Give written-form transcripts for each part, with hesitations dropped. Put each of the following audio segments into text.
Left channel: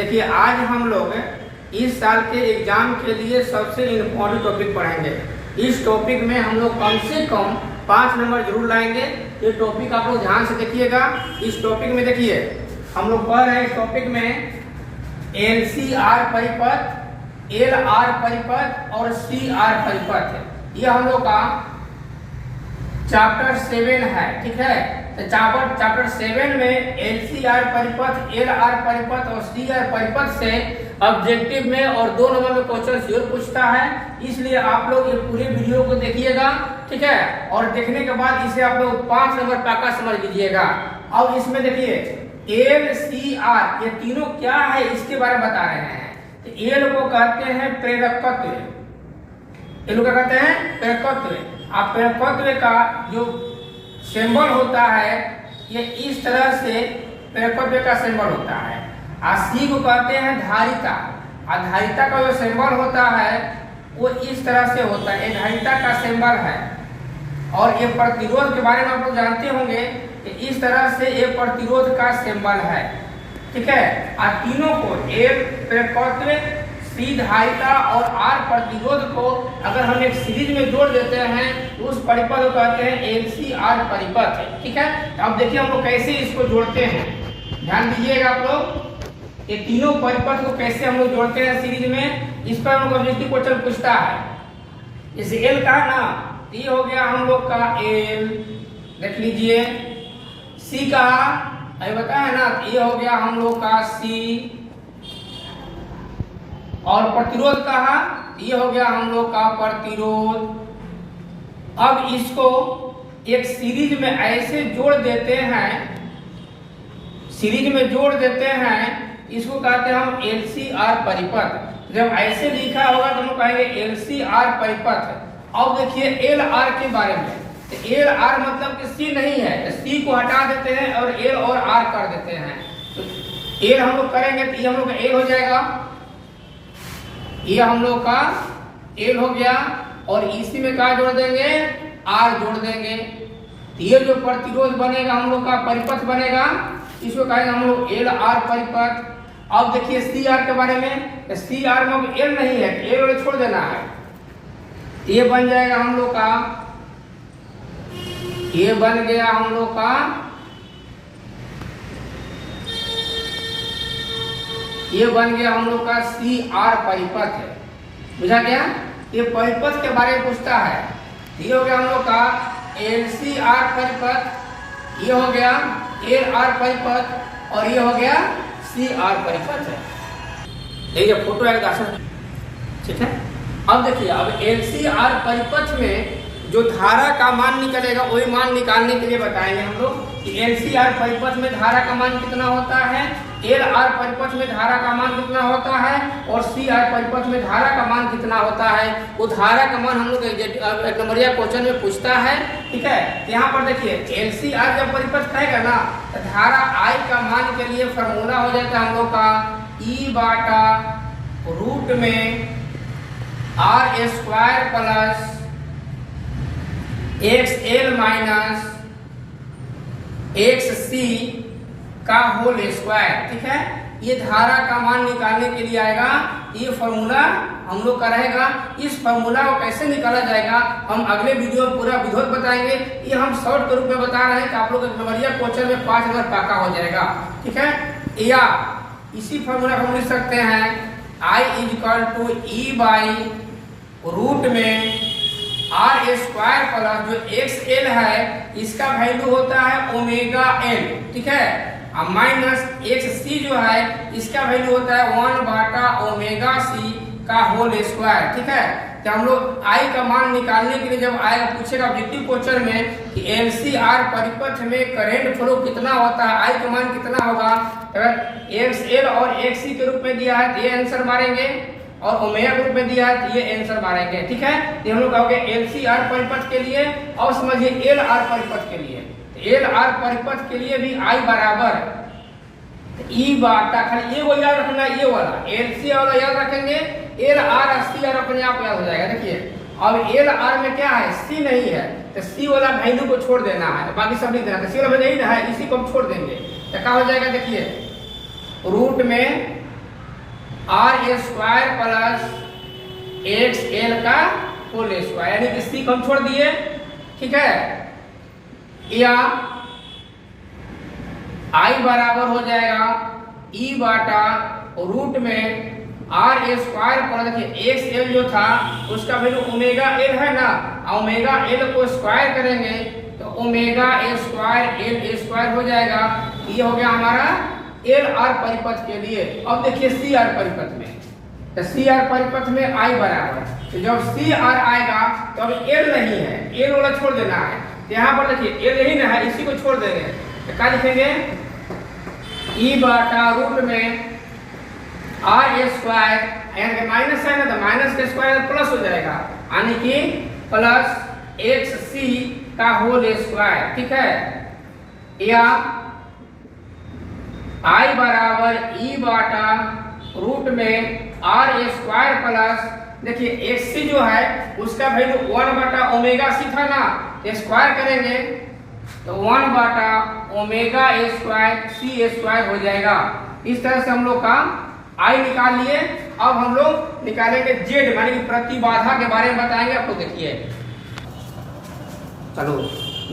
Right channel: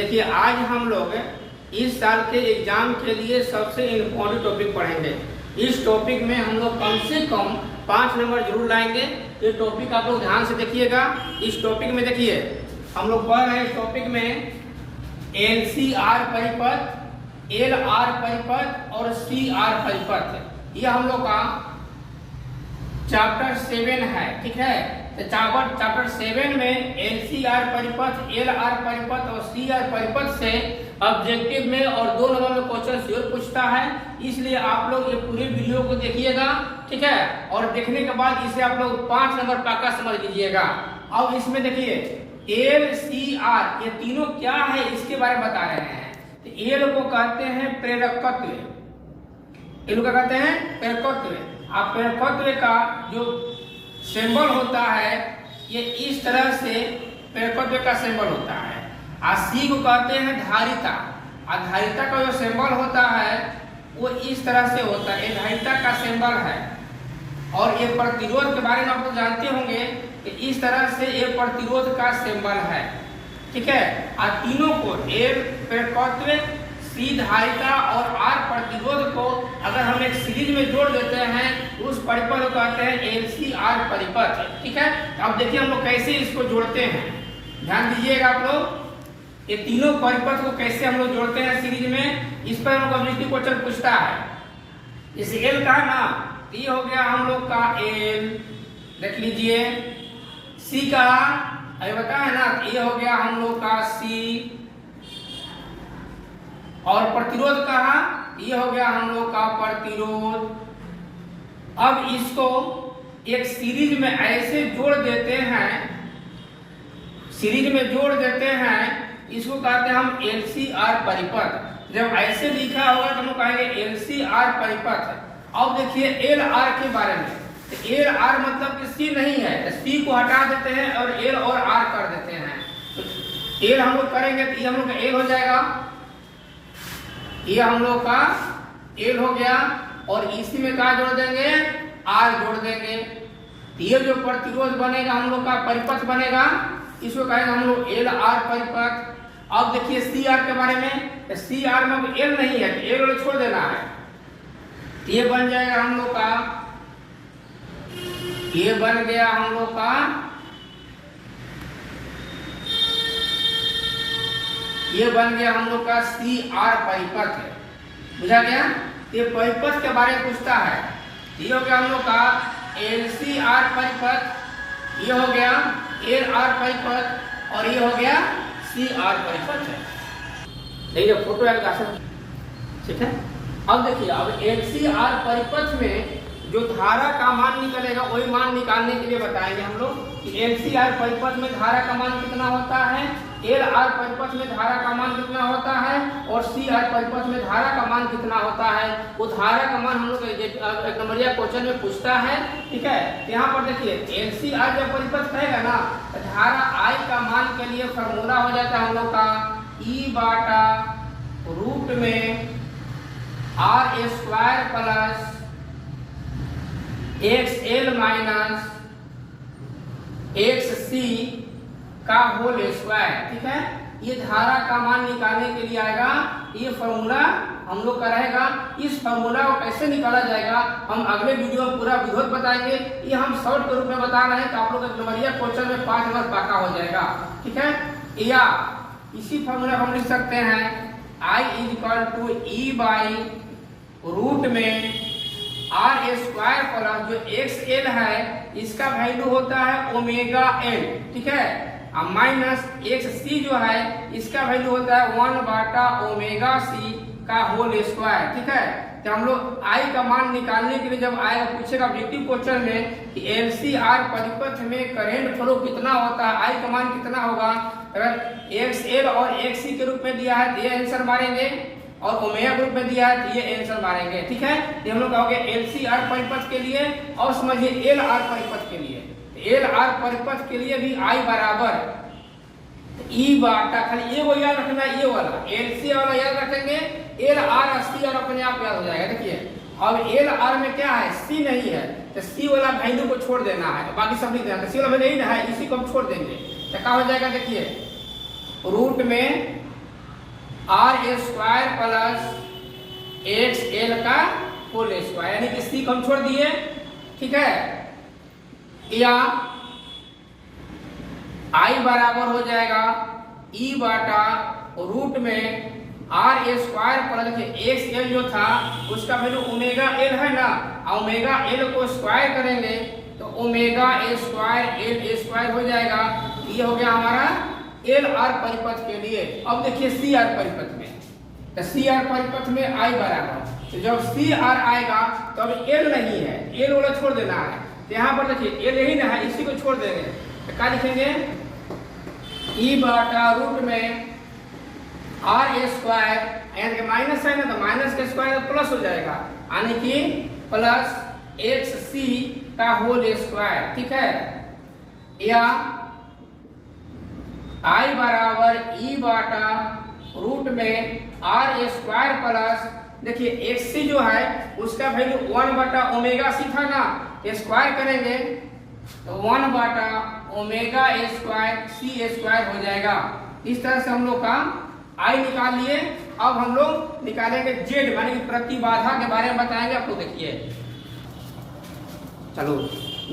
देखिए आज हम लोग इस साल के एग्जाम के लिए सबसे इम्पोर्टेंट टॉपिक पढ़ेंगे। इस टॉपिक में हम लोग कम से कम 5 नंबर जरूर लाएंगे। ये टॉपिक आप लोग ध्यान से देखिएगा। इस टॉपिक में देखिए हम लोग पढ़ रहे हैं इस टॉपिक में LCR परिपथ, LR परिपथ और CR परिपथ। ये हम लोग का चैप्टर 7 है, ठीक है। तो चैप्टर 7 में LCR परिपथ, LR परिपथ और CR परिपथ से ऑब्जेक्टिव में और 2 नंबर में क्वेश्चन जरूर पूछता है, इसलिए आप लोग ये पूरे वीडियो को देखिएगा, ठीक है। और देखने के बाद इसे आप लोग 5 नंबर पक्का समझ लीजिएगा। अब इसमें देखिए LCR ये तीनों क्या है इसके बारे में बता रहे हैं। तो L को कहते हैं प्रेरकत्व, L को कहते हैं प्रेरकत्व। आप प्रेरकत्व का जो सिंबल होता है ये इस तरह से प्रेरकत्व का सिंबल होता है। C को कहते हैं धारिता, धारिता का जो सिंबल होता है वो इस तरह से होता है, ये धारिता का सिंबल है। और ये प्रतिरोध के बारे में आप लोग जानते होंगे कि इस तरह से ये प्रतिरोध का सिंबल है, ठीक है। तीनों को L प्रेरकत्व, C धारिता और R प्रतिरोध को अगर हम एक सीरीज में जोड़ देते हैं तो उस परिपथ को कहते हैं LCR परिपथ, ठीक है। अब देखिए हम लोग कैसे इसको जोड़ते हैं, ध्यान दीजिएगा आप लोग। ये तीनों परिपथ को कैसे हम लोग जोड़ते हैं सीरीज में, इस पर हमको ऑब्जेक्टिव क्वेश्चन पूछता है। जैसे L का ना, ये हो गया हम लोग का L, देख लीजिए। C का अभी बताया ना, ये हो गया हम लोग का C। और प्रतिरोध कहा, ये हो गया हम लोग का प्रतिरोध। अब इसको एक सीरीज में ऐसे जोड़ देते हैं, सीरीज में जोड़ देते हैं, इसको कहते हैं हम LCR परिपथ। जब ऐसे लिखा होगा तो हम कहेंगे LCR परिपथ। अब देखिए LR के बारे में, तो LR मतलब कि C नहीं है, C को हटा देते हैं और L और R कर देते हैं। तो L हम लोग करेंगे तो ये हम लोग का L हो जाएगा, ये हम लोग का L हो गया। और इसी में क्या जोड़ देंगे, R जोड़ देंगे। ये जो प्रतिरोध बनेगा हम लोग का परिपथ बनेगा, इसको कहेंगे हम लोग LR परिपथ। अब देखिए CR के बारे में, तो CR में L नहीं है, L वाले छोड़ देना है। ये बन जाएगा हम लोग का, ये बन गया हम लोग का, ये बन गया हम लोग का CR परिपथ है, बुझा गया। ये परिपथ के बारे में पूछता है। ये हो गया हम लोग का LCR परिपथ, ये हो गया LR परिपथ और ये हो गया CR परिपथ है। देखिए फोटो आएगा, ठीक है। अब देखिए अब LCR परिपथ में जो धारा का मान निकलेगा वही मान निकालने के लिए बताएंगे हम लोग कि LCR परिपथ में धारा का मान कितना होता है, LR परिपथ में धारा का मान कितना होता है और CR परिपथ में धारा का मान कितना होता है। वो धारा का मान हम लोग एक नंबरिया क्वेश्चन में पूछता है, ठीक है। यहाँ पर देखिए LCR जब परिपथ कहेगा ना तो धारा I का मान के लिए फॉर्मूला हो जाता है हम लोग का E बाटा रूट में R square plus XL minus XC का होल स्क्वायर, ठीक है। ये धारा का मान निकालने के लिए आएगा, ये फॉर्मूला हम लोग का रहेगा। इस फॉर्मूला को कैसे निकाला जाएगा हम अगले वीडियो में पूरा विधिवत बताएंगे। ये हम शॉर्ट के रूप में बता रहे हैं कि आप लोग नंबरिया क्वेश्चन में 5 नंबर पक्का हो जाएगा, ठीक है। या इसी फॉर्मूला को हम लिख सकते हैं I = E बाई रूट में R स्क्वायर प्लस जो XL है इसका वैल्यू होता है ओमेगा L, ठीक है। माइनस XC जो है इसका वैल्यू होता है 1 बाटा ओमेगा C का होल स्क्वायर, ठीक है। तो हम लोग I का मान निकालने के लिए जब आएगा पूछेगा ऑब्जेक्टिव क्वेश्चन में कि LCR परिपथ में करंट फ्लो कितना होता है, I का मान कितना होगा, अगर XL और XC के रूप में दिया है तो ये आंसर मारेंगे और ओमेगा ग्रुप में दिया है तो ये आंसर मारेंगे, ठीक है। तो हम लोग कहोगे LCR परिपथ के लिए। और समझिए LR परिपथ के लिए, LR परिपथ के लिए भी I बराबर E बाटा, खाली ये वो याद रखना, ये वाला LC वाला याद रखेंगे, LR और CR अपने आप याद हो जाएगा। देखिए अब LR में क्या है, C नहीं है तो C वाला वैल्यू को छोड़ देना है, बाकी सब लिख देना है। C वाला नहीं है, इसी को हम छोड़ देंगे तो क्या हो जाएगा, देखिए रूट में R square plus X L का होल स्क्वायर, यानी कि सी को हम छोड़ दिए, ठीक है। या आई बराबर हो जाएगा ई बाटा रूट में आर स्क्वायर पर, देखिए एक्स एल जो था उसका वैल्यू ओमेगा एल है ना, ओमेगा एल को स्क्वायर करेंगे तो ओमेगा स्क्वायर एल स्क्वायर हो जाएगा। ये हो गया हमारा एल आर परिपथ के लिए। अब देखिए सी आर परिपथ में, तो सी आर परिपथ में आई बराबर, तो जब सी आर आएगा तो अब एल नहीं है, एल वाला छोड़ देना है। यहाँ पर देखिए एल ही ना है, इसी को छोड़ देंगे तो क्या लिखेंगे, ई बाटा रूट में आर स्क्वायर, यानी माइनस है ना तो माइनस के स्क्वायर प्लस हो जाएगा, यानी कि प्लस एक्स सी का होल स्क्वायर, ठीक है। या आई बराबर ई बाटा रूट में आर स्क्वायर प्लस, देखिए एक्स सी जो है उसका वैल्यू 1 बटा ओमेगा सी था ना, स्क्वायर करेंगे तो 1 बटा ओमेगा स्क्वायर सी स्क्वायर हो जाएगा। इस तरह से हम लोग का आई निकाल लिए। अब हम लोग निकालेंगे जेड, यानी कि प्रतिबाधा के बारे में बताएंगे आपको। देखिए चलो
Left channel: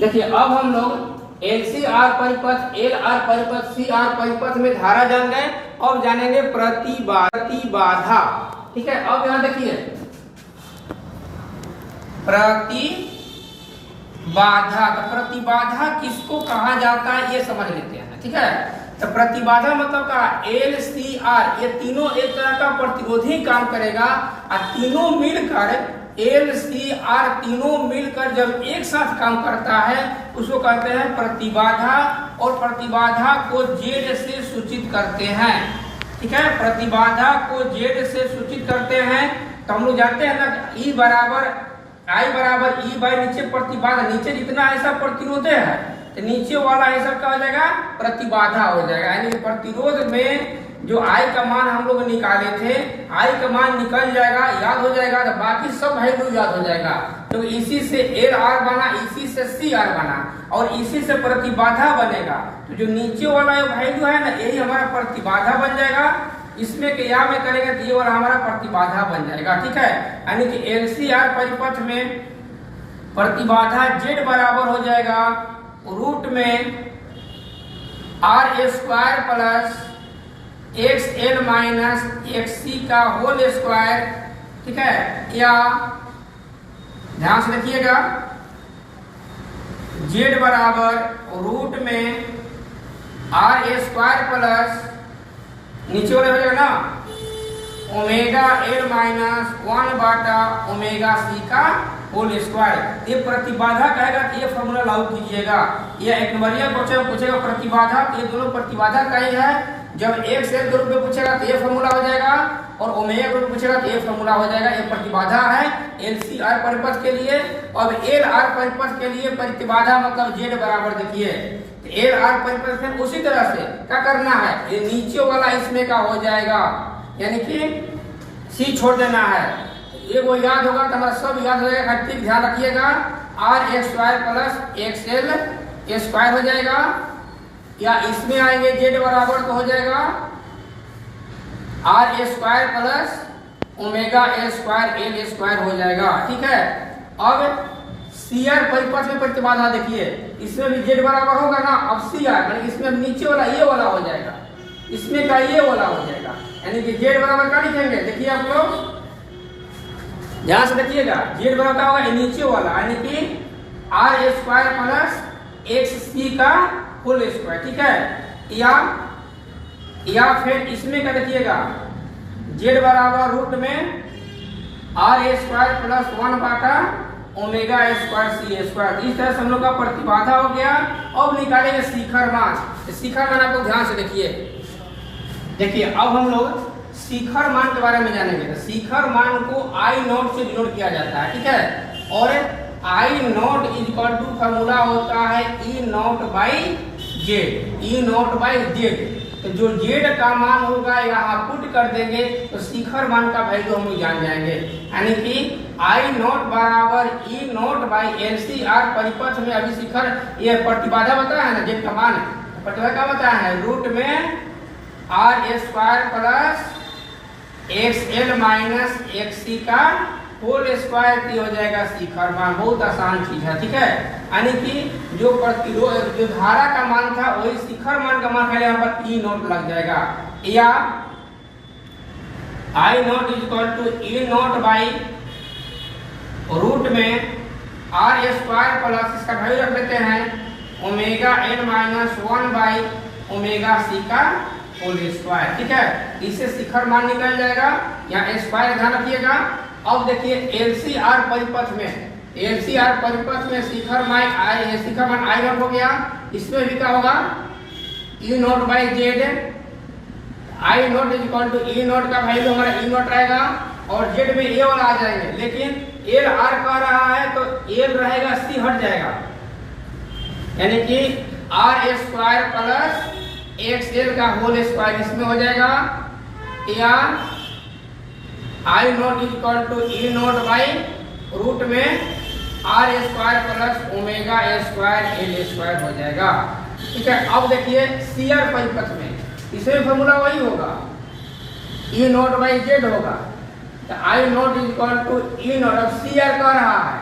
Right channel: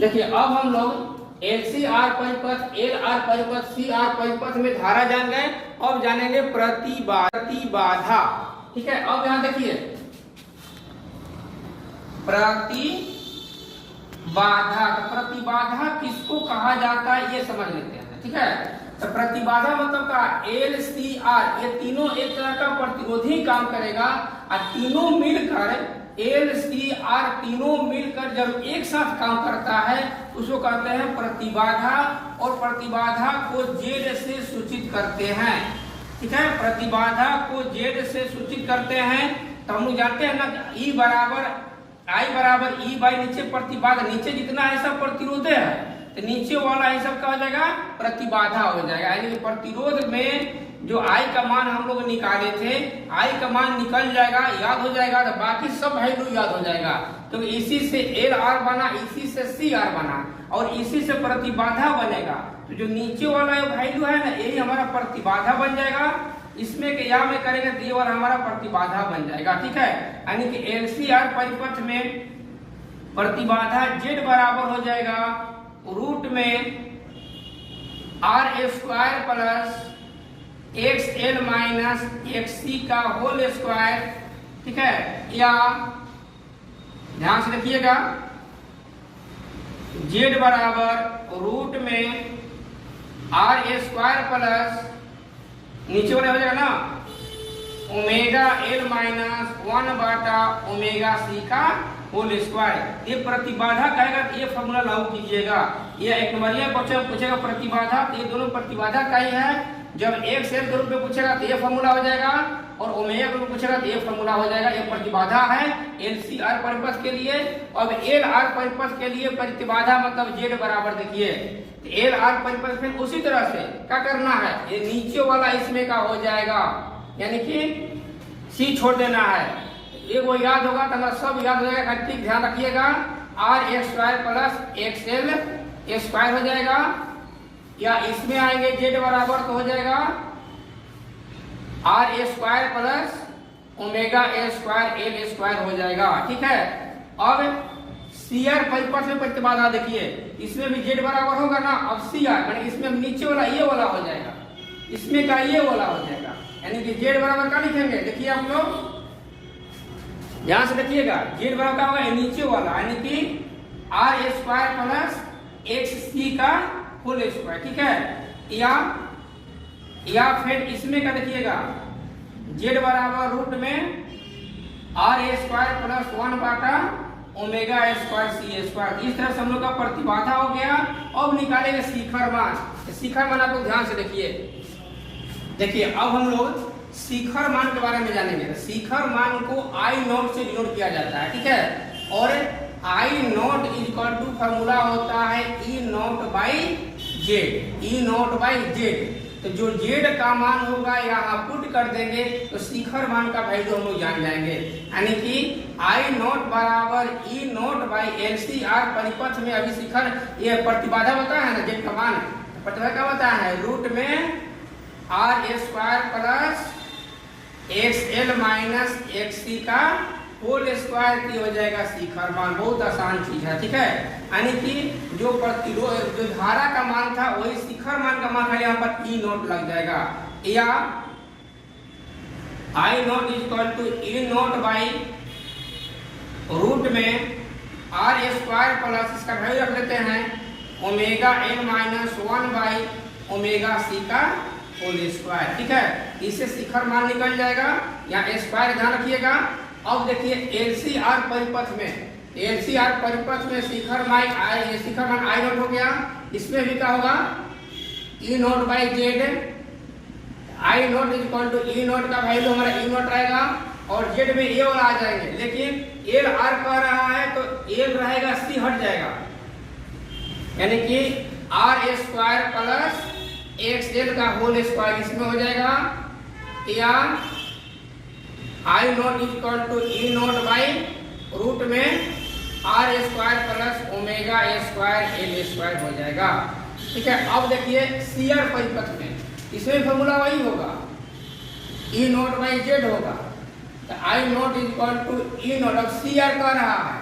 देखिए, अब हम लोग एल सी आर परिपथ, एल आर परिपथ, सी आर परिपथ में धारा जान गए, अब जानेंगे प्रतिबाधा, ठीक है। अब यहां देखिए प्रतिबाधा, प्रतिबाधा किसको कहा जाता है ये समझ लेते हैं, ठीक है। तो प्रतिबाधा मतलब का एल सी आर, ये तीनों एक तरह का प्रतिरोधी काम करेगा और तीनों मिलकर एल सी आर तीनों मिलकर जब एक साथ काम करता है उसको कहते हैं प्रतिबाधा, और प्रतिबाधा को जेड से सूचित करते हैं, ठीक है। प्रतिबाधा को जेड से सूचित करते हैं तो हम लोग जानते हैं ना, ई बराबर आई बराबर ई बाई नीचे प्रतिबाधा, नीचे जितना है सब प्रतिरोध है तो नीचे वाला है सब क्या हो जाएगा, प्रतिबाधा हो जाएगा। यानी कि प्रतिरोध में जो आई का मान हम लोग निकाले थे, आई का मान निकल जाएगा, याद हो जाएगा तो बाकी सब वैल्यू याद हो जाएगा। तो इसी से एल आर बना, इसी से सी आर बना और इसी से प्रतिबाधा बनेगा। तो जो नीचे वाला वैल्यू है ना, यही हमारा प्रतिबाधा बन जाएगा। इसमें के या में करेंगे तो ये वाला हमारा प्रतिबाधा बन जाएगा, ठीक है। यानी कि एल सी आर परिपथ में प्रतिबाधा जेड बराबर हो जाएगा रूट में R square plus X L minus X C का होल स्क्वायर, ठीक है। या ध्यान से देखिएगा जेड बराबर रूट में आर स्क्वायर प्लस नीचे वाले हो जाएगा ना ओमेगा एल माइनस 1 बाटा ओमेगा सी का होल स्क्वायर। ये प्रतिबाधा कहेगा तो ये फॉर्मूला लागू कीजिएगा। ये एक नंबरिया क्वेश्चन पूछेगा प्रतिबाधा, तो ये दोनों प्रतिबाधा का ही है। जब एक्स एल के रूप में पूछेगा तो ये फॉर्मूला हो जाएगा, और ओमेगा के रूप में पूछेगा तो ये फॉर्मूला हो जाएगा। ये प्रतिबाधा है एल सी आर परिपथ के लिए। अब एल आर परिपथ के लिए प्रतिबाधा मतलब जेड बराबर, देखिए एल आर परिपथ में उसी तरह से क्या करना है, ये नीचे वाला इसमें का हो जाएगा, यानी कि सी छोड़ देना है। ये वो याद होगा तो हमारा सब याद हो जाएगा, ठीक ध्यान रखिएगा। R square plus X L square हो जाएगा, या इसमें आएंगे जेड बराबर तो हो जाएगा R square plus omega L square L square हो जाएगा, ठीक है। अब सी आर परिपथ में प्रतिबाधा देखिए, इसमें भी जेड बराबर होगा ना। अब सी आर यानी इसमें नीचे वाला ये वाला हो जाएगा, इसमें का ये वाला हो जाएगा, यानी कि जेड बराबर क्या लिखेंगे, देखिए आप लोग ध्यान से देखिएगा, जेड बराबर क्या होगा, नीचे वाला यानी कि are square plus x C का होल स्क्वायर, ठीक है। या फिर इसमें क्या देखिएगा जेड बराबर रूट में आर स्क्वायर प्लस 1 बाटा ओमेगा स्क्वायर सी स्क्वायर। इस तरह से हम लोग का प्रतिबाधा हो गया। अब निकालेंगे शिखर मान। शिखर मान आपको ध्यान से देखिए अब हम लोग शिखर मान के बारे में जानेंगे। शिखर मान को आई नॉट से डिनोट किया जाता है, ठीक है। और I naught is equal to formula होता है E naught by Z, E naught by Z. तो जो जेड का मान होगा यहाँ पुट कर देंगे तो शिखर मान का वैल्यू हम लोग जान जाएंगे। यानी कि आई नॉट बराबर E naught by L C R परिपथ में अभी शिखर ये प्रतिबाधा बताया है ना, जेड का मान प्रतिबाधा क्या बताया है, रूट में R square plus XL minus XC का होल स्क्वायर की हो जाएगा शिखर मान। बहुत आसान चीज है, ठीक है। यानी कि जो प्रतिरोध जो धारा का मान था वही शिखर मान का मान, यहाँ पर E नोट लग जाएगा, या I naught is equal to E naught by root में R स्क्वायर प्लस इसका वैल्यू रख लेते हैं omega n minus 1 by omega C का होल स्क्वायर, ठीक है। इससे शिखर मान निकल जाएगा, यहाँ स्क्वायर ध्यान रखिएगा। अब देखिए LCR परिपथ में शिखर मान I नोट हो गया, इसमें भी क्या होगा E naught by Z। I naught is equal to E naught का वैल्यू हमारा E नोट रहेगा और Z में A वाला आ जाएंगे, लेकिन L R कह रहा है तो L रहेगा C हट जाएगा, यानी कि R स्क्वायर प्लस XL का होल स्क्वायर इसमें हो जाएगा, या I naught is equal to E naught by root में R square plus omega square L square हो जाएगा, ठीक है। अब देखिए CR परिपथ में इसमें फॉर्मूला वही होगा, E नोट बाई Z होगा, तो I naught is equal to E naught. अब CR कह रहा है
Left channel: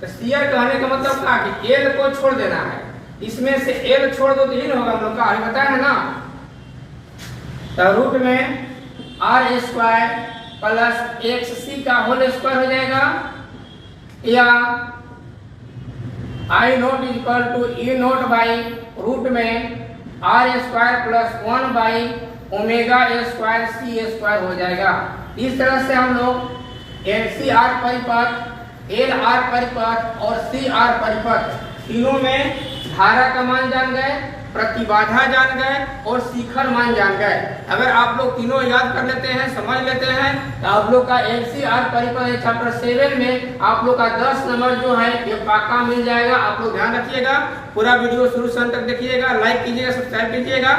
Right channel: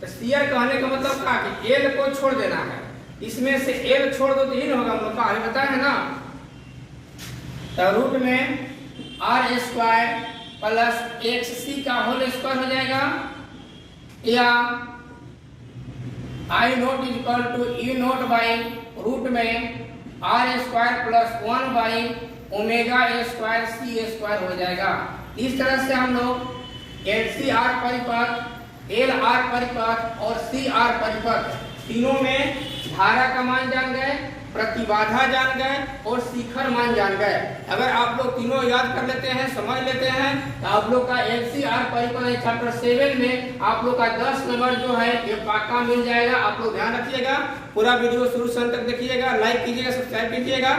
तो CR कहने का मतलब क्या कि L को छोड़ देना है, इसमें से L छोड़ दो तो ही होगा, हम लोग का अभी बताया है ना। तो रूट में R स्क्वायर प्लस XC का होल स्क्वायर हो जाएगा, या I naught is equal to E naught by root में R square plus 1 by omega square C square हो जाएगा। इस तरह से हम लोग LCR परिपथ, LR परिपथ और CR परिपथ तीनों में धारा का मान जान गए, प्रतिबाधा जान गए और शिखर मान जान गए। अगर आप लोग तीनों याद कर लेते हैं, समझ लेते हैं, तो आप लोग का LCR परिपथ चैप्टर 7 में आप लोग का 10 नंबर जो है ये पक्का मिल जाएगा। आप लोग ध्यान रखिएगा, पूरा वीडियो शुरू से अंत तक देखिएगा, लाइक कीजिएगा, सब्सक्राइब कीजिएगा।